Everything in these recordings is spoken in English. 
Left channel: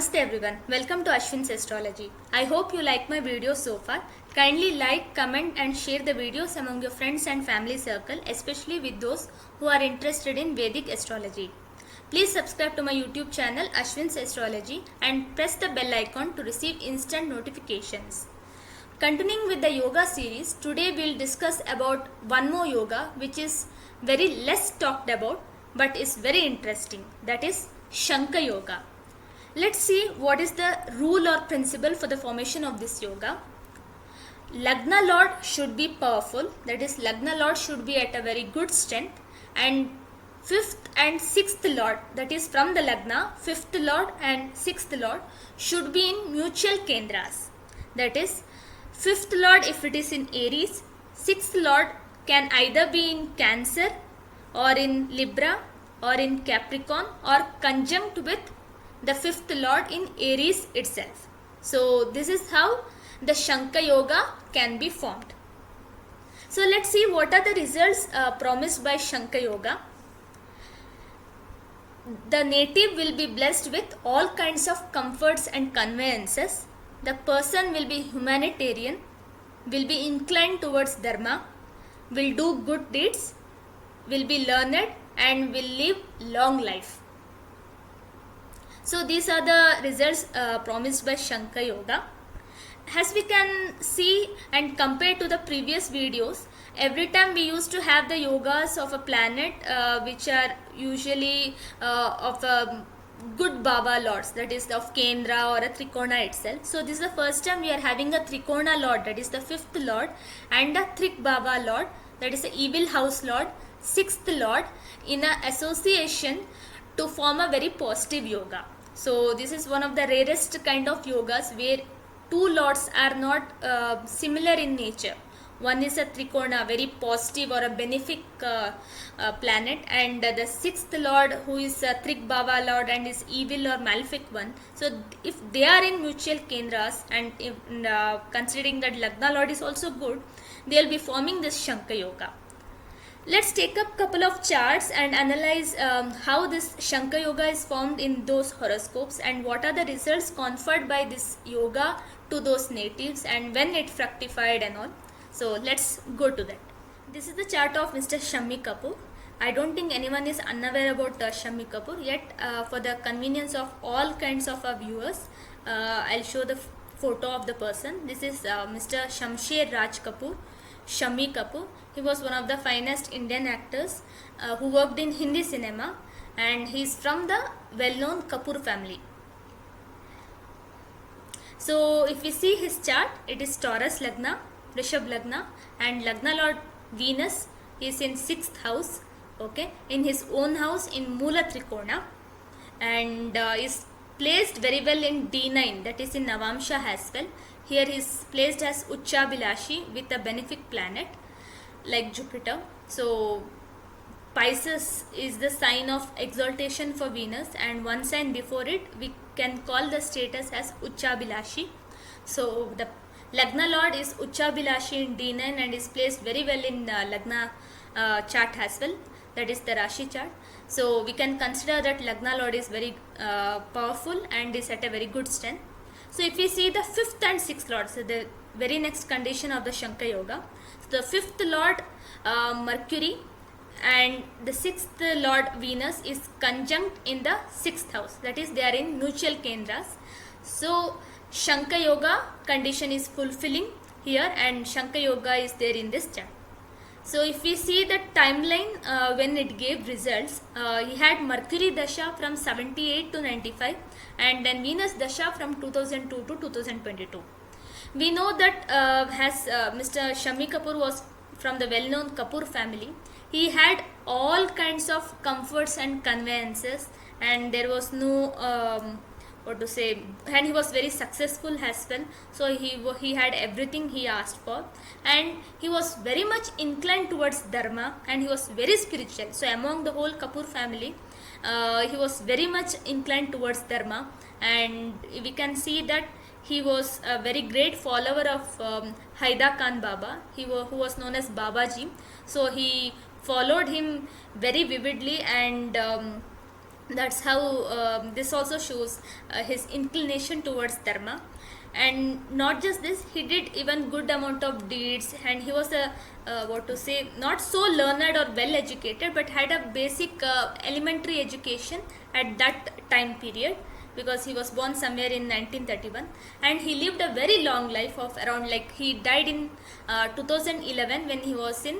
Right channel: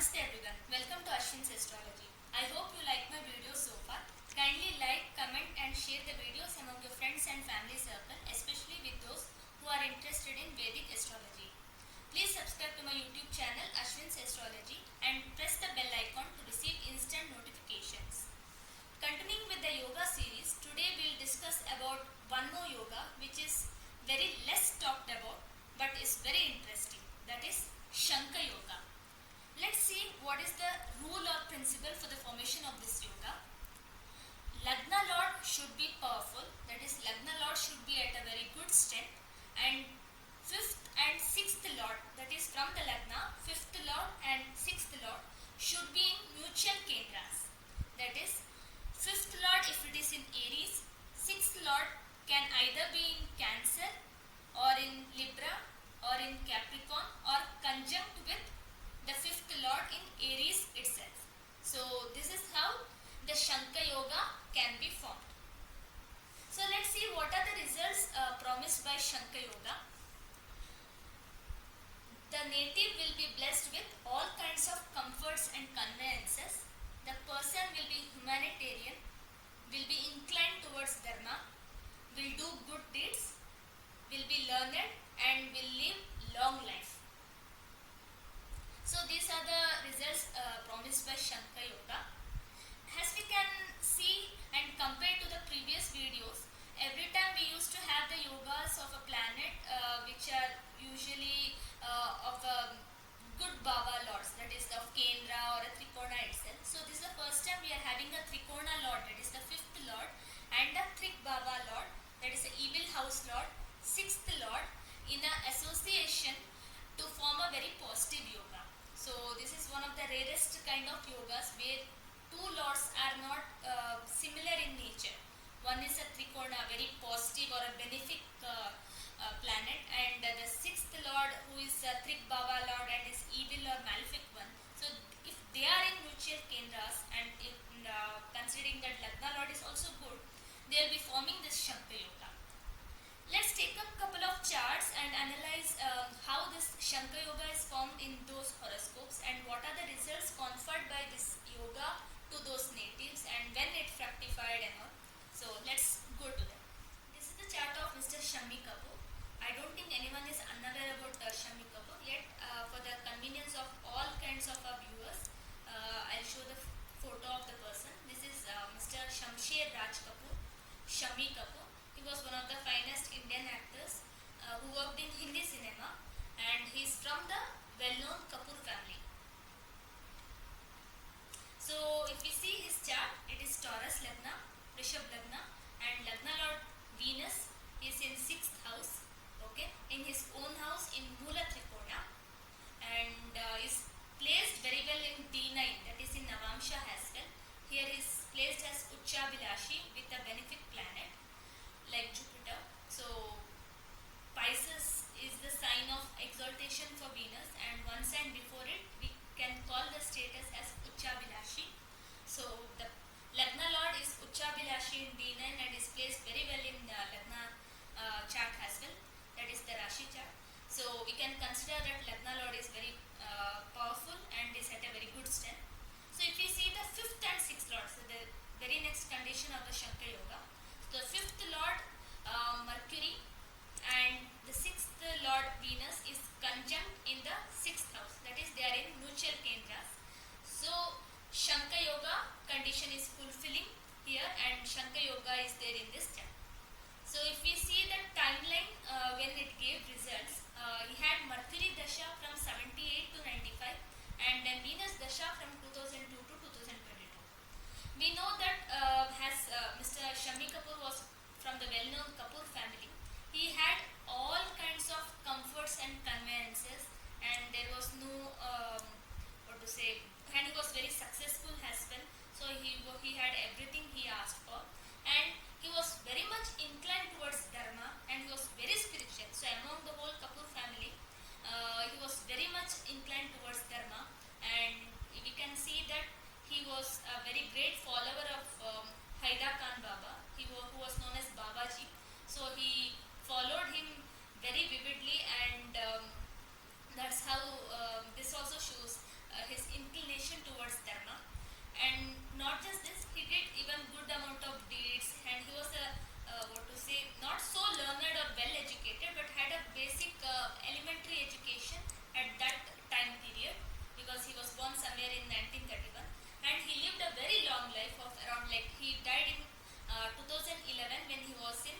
Namaste everyone, welcome to Ashwin's Astrology. I hope you like my video so far. Kindly like, comment and share the videos among your friends and family circle, especially with those who are interested in Vedic astrology. Please subscribe to my YouTube channel Ashwin's Astrology and press the bell icon to receive instant notifications. Continuing with the yoga series, today we'll discuss about one more yoga which is very less talked about but is very interesting, that is Shankha Yoga. Let's see what is the rule or principle for the formation of this yoga. Lagna Lord should be powerful, that is Lagna Lord should be at a very good strength, and 5th and 6th Lord, that is from the Lagna, 5th Lord and 6th Lord should be in mutual kendras. That is 5th Lord if it is in Aries, 6th Lord can either be in Cancer or in Libra or in Capricorn or conjunct with the 5th Lord in Aries itself. So this is how the Shankha Yoga can be formed. So let's see what are the results promised by Shankha Yoga. The native will be blessed with all kinds of comforts and conveyances. The person will be humanitarian, will be inclined towards dharma, will do good deeds, will be learned and will live long life. So these are the results promised by Shankha Yoga. As we can see and compare to the previous videos, every time we used to have the yogas of a planet which are usually of a good Baba lords, that is of Kendra or a Trikona itself. So this is the first time we are having a Trikona lord, that is the 5th lord, and a Trik Baba lord, that is the evil house lord, 6th lord, in a association to form a very positive yoga. So this is one of the rarest kind of yogas where two lords are not similar in nature. One is a Trikona, very positive or a benefic planet, and the 6th lord who is a Trik Baba lord and is evil or malefic one. So if they are in mutual kendras and if, considering that Lagna lord is also good, they will be forming this Shankha Yoga. Let's take up couple of charts and analyze how this Shankha Yoga is formed in those horoscopes and what are the results conferred by this yoga to those natives and when it fructified and all. So let's go to that. This is the chart of Mr. Shammi Kapoor. I don't think anyone is unaware about Shammi Kapoor, yet for the convenience of all kinds of our viewers, I'll show the photo of the person. This is Mr. Shamsher Raj Kapoor, Shammi Kapoor. He was one of the finest Indian actors who worked in Hindi cinema, and he is from the well-known Kapoor family. So if we see his chart, it is Taurus Lagna, Rishabh Lagna, and Lagna Lord Venus is in 6th house, okay, in his own house in Moola Trikona, and is placed very well in D9, that is in Navamsha as well. Here he is placed as Uchabilashi with a benefic planet like Jupiter. So Pisces is the sign of exaltation for Venus, and one sign before it we can call the status as Uchabilashi. So the Lagna Lord is Uchabilashi in D9 and is placed very well in Lagna chart as well, that is the Rashi chart. So we can consider that Lagna Lord is very powerful and is at a very good strength. So if we see the 5th and 6th Lord, so the very next condition of the Shankha Yoga, the 5th Lord Mercury and the 6th Lord Venus is conjunct in the 6th house, that is they are in mutual kendras. So Shankha Yoga condition is fulfilling here and Shankha Yoga is there in this chart. So if we see the timeline when it gave results, he had Mercury Dasha from 78 to 95 and then Venus Dasha from 2002 to 2022. We know that as Mr. Shammi Kapoor was from the well-known Kapoor family, he had all kinds of comforts and conveyances, and there was no and he was very successful as well. So he had everything he asked for, and he was very much inclined towards dharma, and he was very spiritual. So among the whole Kapoor family, he was very much inclined towards dharma, and we can see that he was a very great follower of Haida Khan Baba, who was known as Babaji. So he followed him very vividly and That's how this also shows his inclination towards dharma. And not just this, he did even good amount of deeds, and he was a what to say, not so learned or well educated, but had a basic elementary education at that time period, because he was born somewhere in 1931, and he lived a very long life of around, like, he died in 2011 when he was in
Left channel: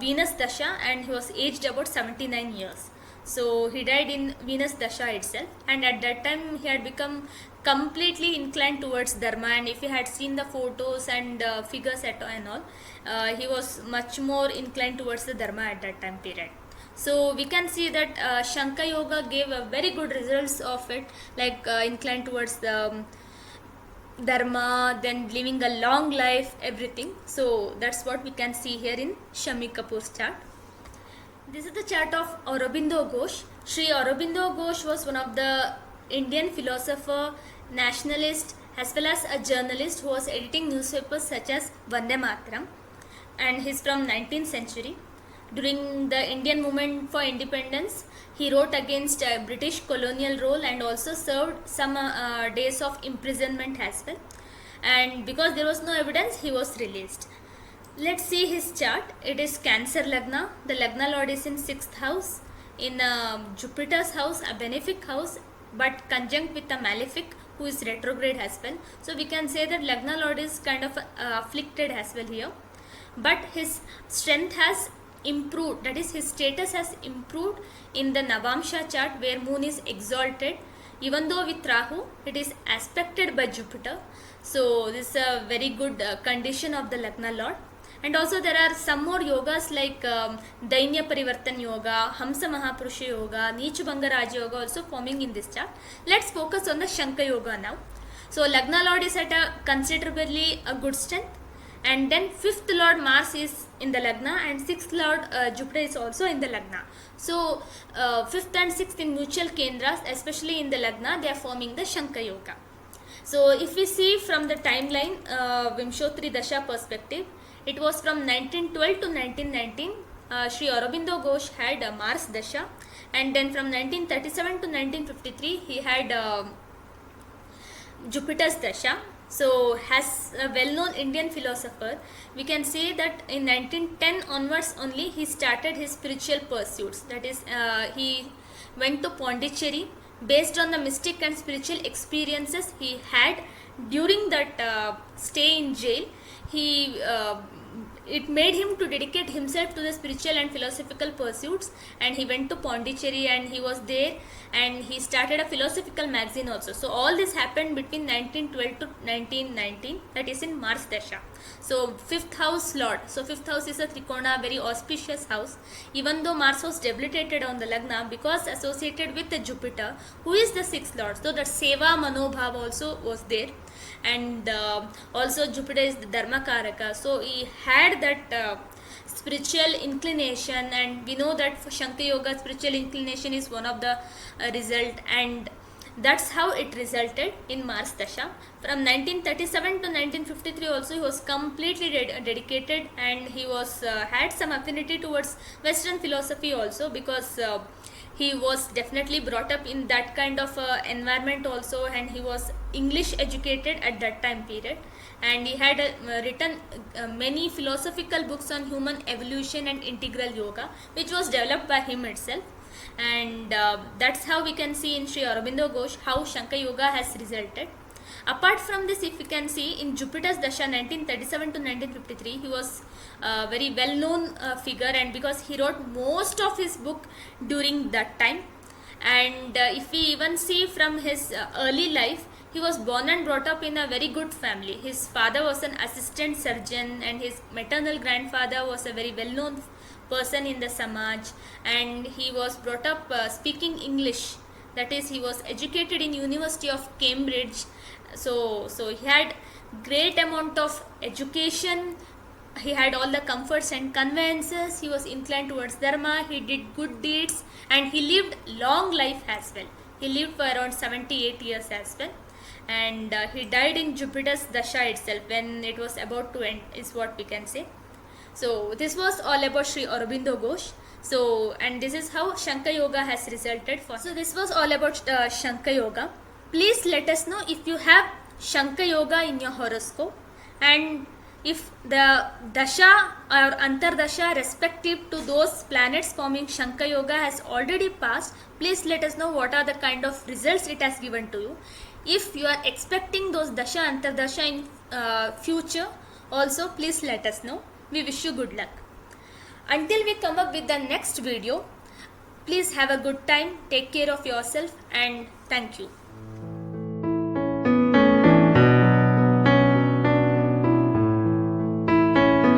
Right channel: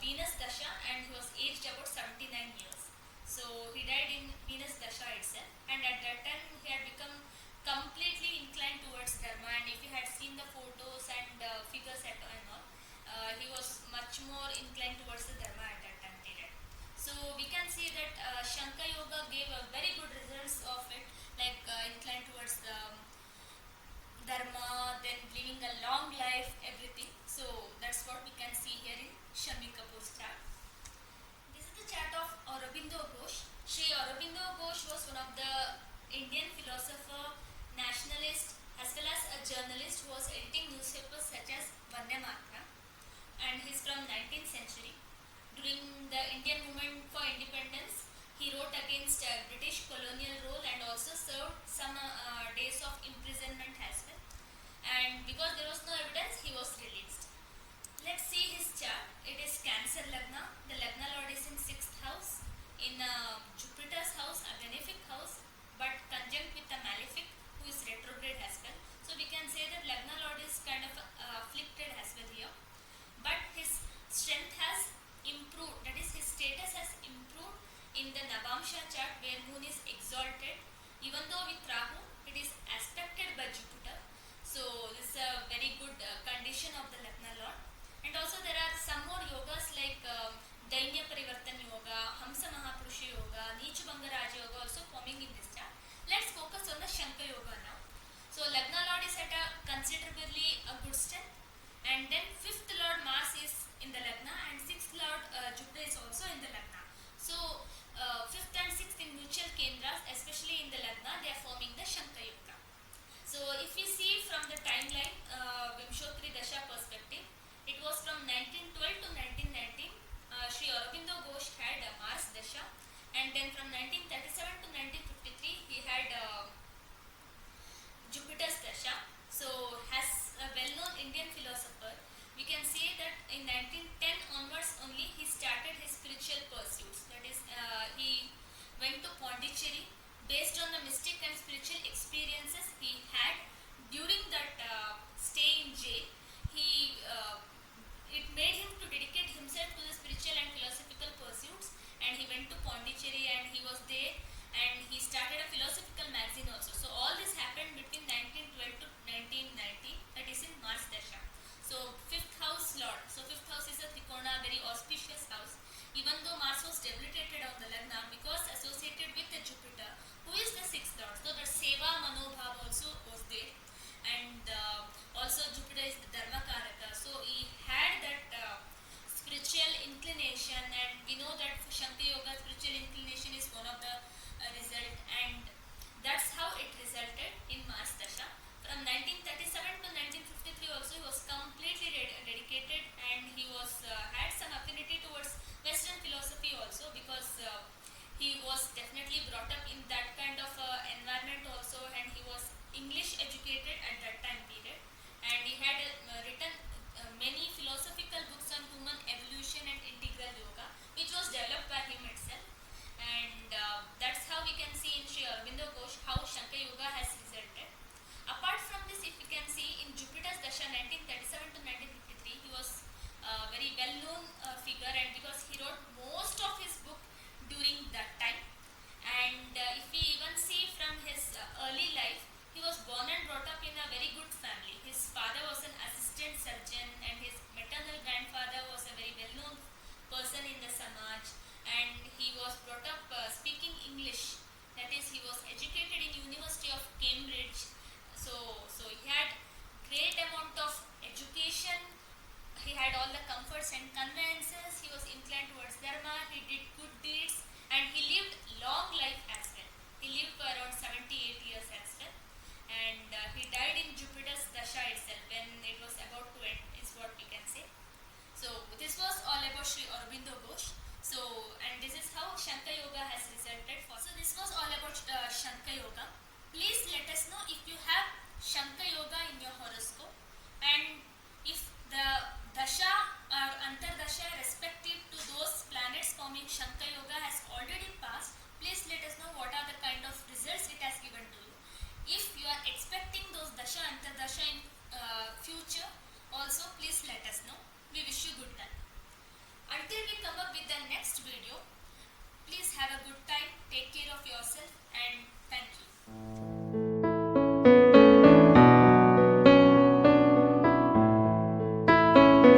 Venus Dasha, and he was aged about 79 years. So he died in Venus Dasha itself, and at that time he had become completely inclined towards dharma. And if you had seen the photos and figures and all, he was much more inclined towards the dharma at that time period. So we can see that Shankha Yoga gave a very good results of it, like inclined towards the dharma, then living a long life, everything. So that's what we can see here in Shami Kapoor's chart. This is the chart of Aurobindo Ghosh. Sri Aurobindo Ghosh was one of the Indian philosopher, nationalist, as well as a journalist who was editing newspapers such as Vande Mataram, and he's from 19th century. During the Indian movement for independence, he wrote against British colonial rule and also served some days of imprisonment as well. And because there was no evidence, he was released. Let's see his chart. It is Cancer Lagna. The Lagna Lord is in 6th house, in Jupiter's house, a benefic house, but conjunct with a malefic who is retrograde as well. So we can say that Lagna Lord is kind of afflicted as well here. But his strength has improved, that is, his status has improved in the Navamsha chart, where moon is exalted. Even though with Rahu, it is aspected by Jupiter. So this is a very good condition of the Lagna Lord. And also there are some more yogas like Dainya Parivartan Yoga, Hamsa Mahapurusha Yoga, Neechabhanga Raja Yoga also forming in this chart. Let's focus on the Shankha Yoga now. So Lagna Lord is at a considerably a good strength, and then 5th Lord Mars is in the Lagna, and 6th Lord Jupiter is also in the Lagna. So 5th and 6th in mutual kendras, especially in the Lagna, they are forming the Shankha Yoga. So if we see from the timeline, Vimshotri Dasha perspective, it was from 1912 to 1919. Sri Aurobindo Ghosh had Mars Dasha, and then from 1937 to 1953 he had Jupiter's Dasha. So as a well-known Indian philosopher, we can say that in 1910 onwards only he started his spiritual pursuits. That is, he went to Pondicherry based on the mystic and spiritual experiences he had during that stay in jail. It made him to dedicate himself to the spiritual and philosophical pursuits, and he went to Pondicherry and he was there, and he started a philosophical magazine also. So all this happened between 1912 to 1919, that is in Mars Dasha. So 5th house Lord, so 5th house is a Trikona, very auspicious house, even though Mars was debilitated on the Lagna, because associated with the Jupiter, who is the 6th Lord. So that Seva Manobhav also was there, and also Jupiter is the Dharma Karaka. So he had that spiritual inclination, and we know that for Shankha Yoga, spiritual inclination is one of the result, and that's how it resulted in Mars Dasha. From 1937 to 1953 also he was completely dedicated, and he was had some affinity towards Western philosophy also, because he was definitely brought up in that kind of environment also, and he was English educated at that time period, and he had written many philosophical books on human evolution and integral yoga, which was developed by him itself. And that's how we can see in Sri Aurobindo Ghosh how Shankha Yoga has resulted. Apart from this, if we can see in Jupiter's Dasha 1937 to 1953, he was a very well known figure, and because he wrote most of his book during that time. And if we even see from his early life, he was born and brought up in a very good family. His father was an assistant surgeon, and his maternal grandfather was a very well known person in the Samaj, and he was brought up speaking English. That is, he was educated in University of Cambridge. So he had great amount of education. He had all the comforts and conveyances. He was inclined towards dharma. He did good deeds, and he lived long life as well. He lived for around 78 years as well, and he died in Jupiter's Dasha itself when it was about to end, is what we can say. So this was all about Sri Aurobindo Ghosh. So, and this is how Shankha Yoga has resulted for. So this was all about Shankha Yoga. Please let us know if you have Shankha Yoga in your horoscope, and if the dasha or antardasha respective to those planets forming Shankha Yoga has already passed, please let us know what are the kind of results it has given to you. If you are expecting those dasha antardasha in future also, please let us know. We wish you good luck. Until we come up with the next video, please have a good time, take care of yourself, and thank you.